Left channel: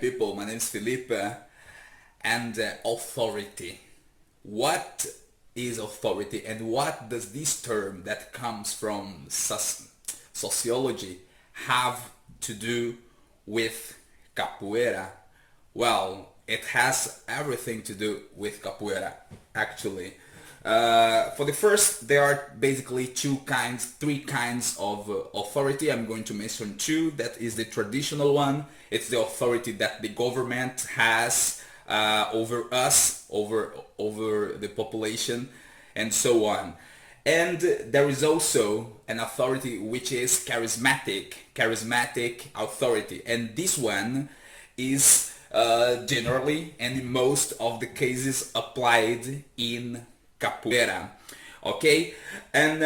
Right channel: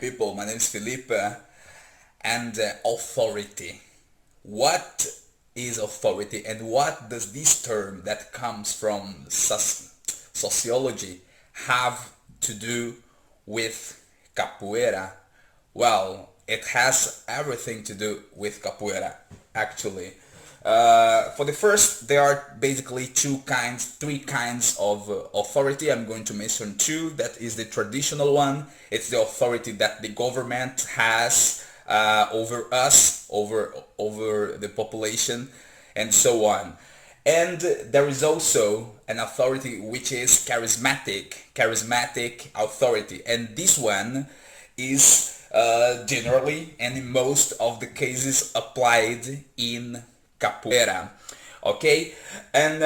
People, my name is Felipe, and authority. What is authority, and what does this term that comes from sociology have to do with capoeira? Well, it has everything to do with capoeira, actually. For the first, there are basically three kinds of authority. I'm going to mention two. That is the traditional one. It's the authority that the government has over us, over the population, and so on. And there is also an authority which is charismatic authority. And this one is generally and in most of the cases applied in capoeira. Okay? And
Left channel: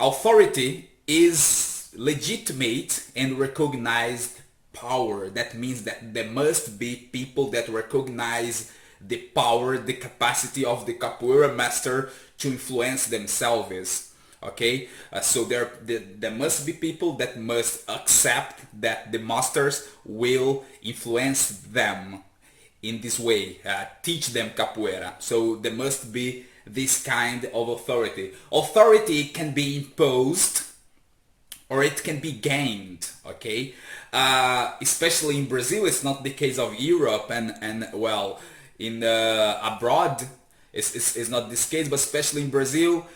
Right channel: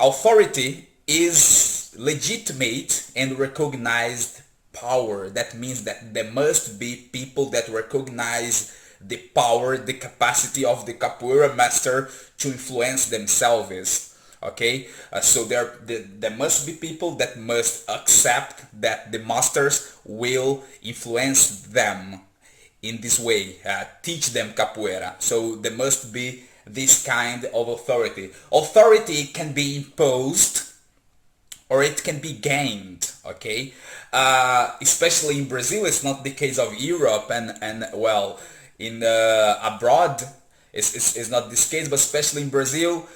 authority is legitimate and recognized power. That means that there must be people that recognize the power, the capacity of the capoeira master to influence themselves. Okay, so there must be people that must accept that the masters will influence them in this way, teach them capoeira. So there must be this kind of authority. Authority can be imposed or it can be gained, okay? Especially in Brazil, it's not the case of Europe and well, in abroad, it's not this case, but especially in Brazil,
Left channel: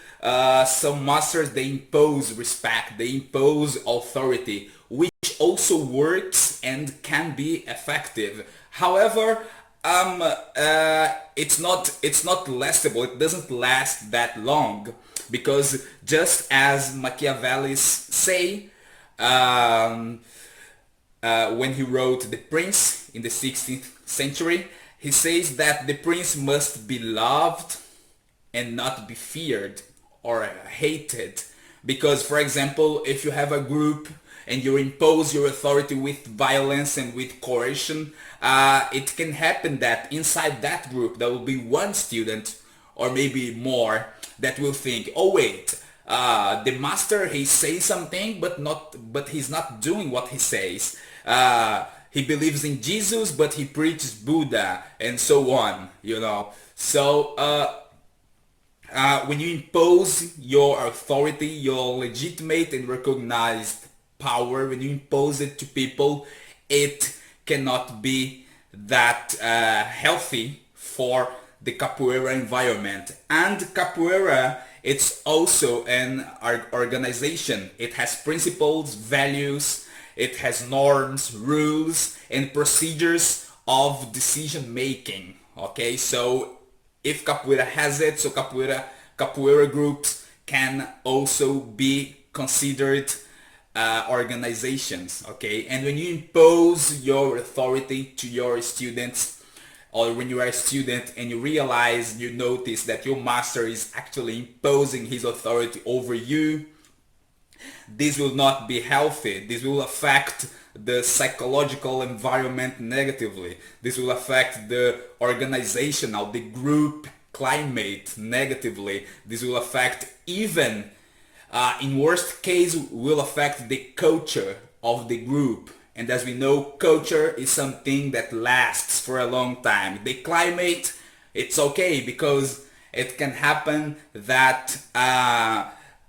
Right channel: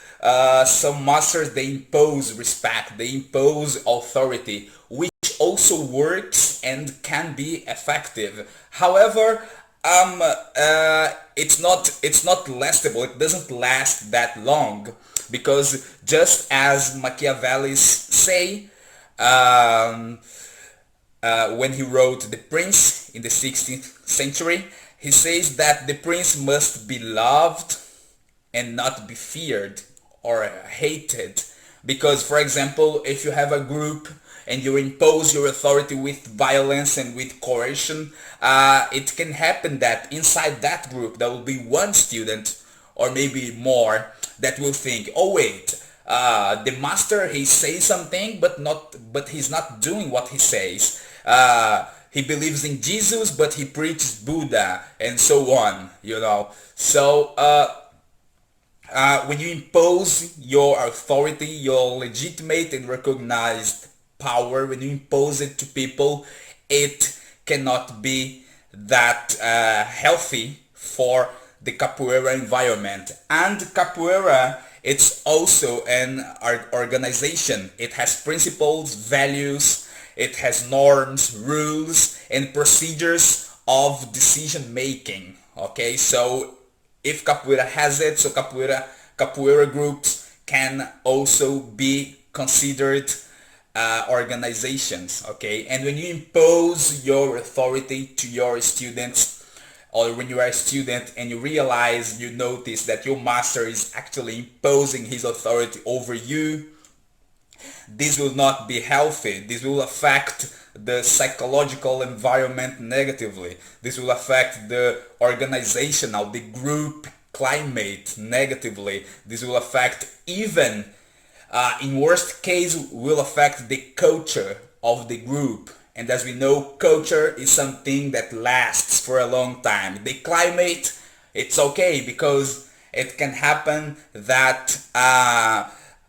some masters, they impose respect, they impose authority, which also works and can be effective. However, it's not lastable. It doesn't last that long because just as Machiavelli say when he wrote The Prince in the 16th century, he says that the prince must be loved and not be feared or hated. Because, for example, if you have a group and you impose your authority with violence and with coercion, it can happen that inside that group there will be one student or maybe more that will think, oh wait, the master, he says something but he's not doing what he says. He believes in Jesus but he preaches Buddha and so on, you know. So when you impose your authority, your legitimate and recognized power, when you impose it to people, it cannot be that healthy for the capoeira environment. And capoeira, it's also an organization. It has principles, values, it has norms, rules, and procedures of decision making. Okay, so if capoeira has it, so capoeira groups can also be considered organizations. Okay, and when you impose your authority to your students, or when you are a student and you realize, you notice that your master is actually imposing his authority over you, this will not be healthy. This will affect the psychological environment negatively. This will affect the organizational, the group climate negatively. This will affect even, in worst case, will affect the culture of the group. And as we know, culture is something that lasts for a long time. The climate, it's okay because it can happen that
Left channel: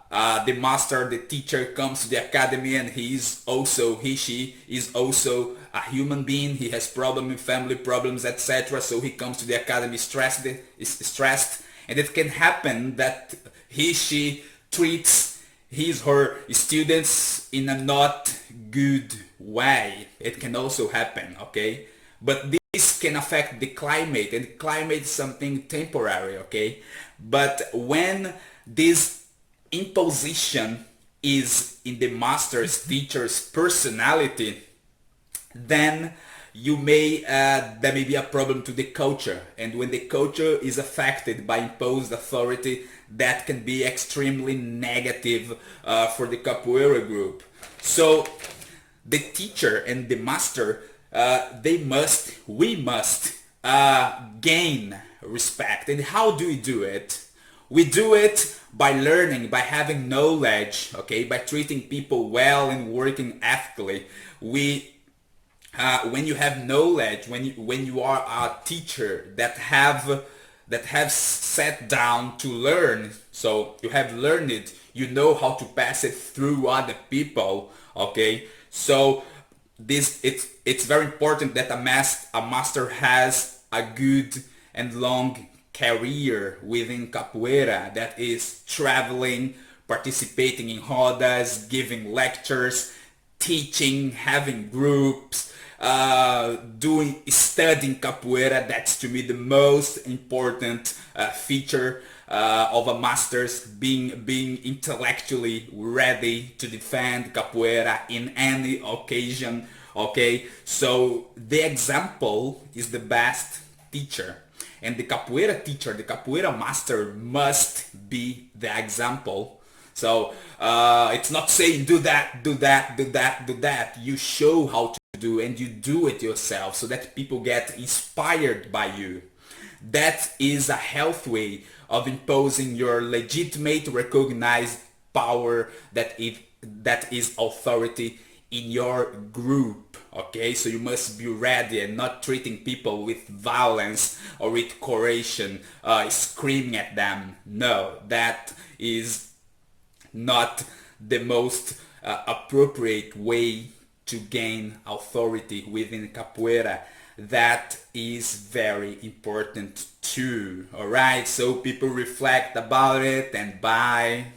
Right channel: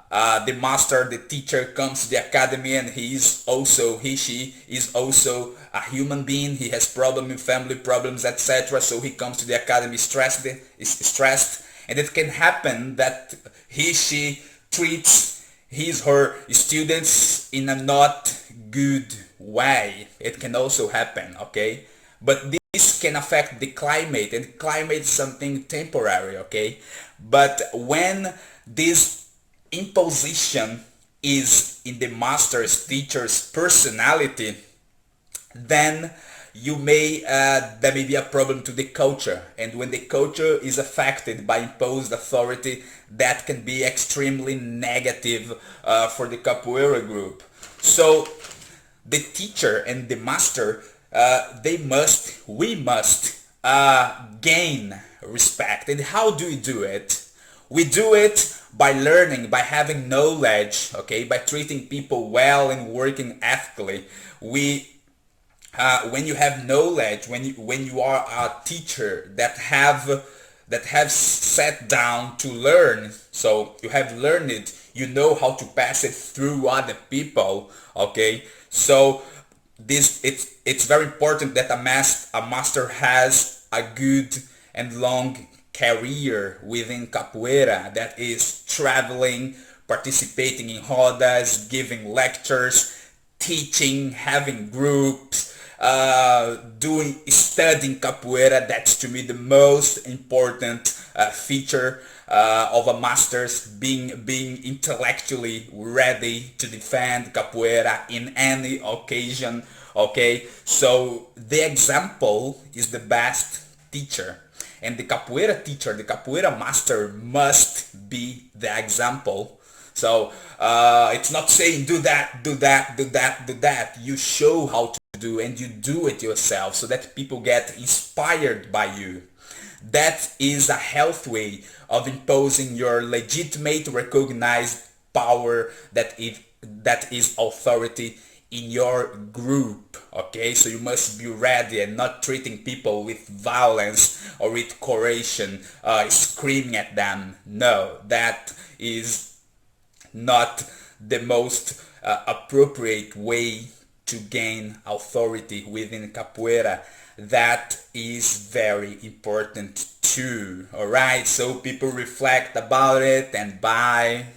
the master, the teacher comes to the academy and she is also a human being. He has problems in family problems, etc. So he comes to the academy stressed, and it can happen that she treats her students in a not good way. It can also happen, okay? But this can affect the climate, and climate is something temporary, okay? But when this imposition is in the master's, teacher's personality, then there may be a problem to the culture. And when the culture is affected by imposed authority, that can be extremely negative for the capoeira group. So the teacher and the master, we must gain respect. And how do we do it? We do it by learning, by having knowledge, okay, by treating people well and working ethically. We when you have knowledge, when you are a teacher that have sat down to learn, so you have learned it, you know how to pass it through other people. Okay, so this it's very important that a master has a good and long career within capoeira, that is traveling, participating in rodas, giving lectures, teaching, having groups, doing studying capoeira. That's to me the most important feature of a master's, being intellectually ready to defend capoeira in any occasion. Okay, so the example is the best teacher, and the capoeira teacher, the capoeira master, must be the example. So it's not saying do that, do that, do that, do that. You show how to do, and you do it yourself so that people get inspired by you. That is a healthy way of imposing your legitimate, recognized power, that is authority in your group. Okay, so you must be ready and not treating people with violence or with coercion, screaming at them. No, that is not the most appropriate way to gain authority within capoeira. That is very important too. All right, so people reflect about it, and bye.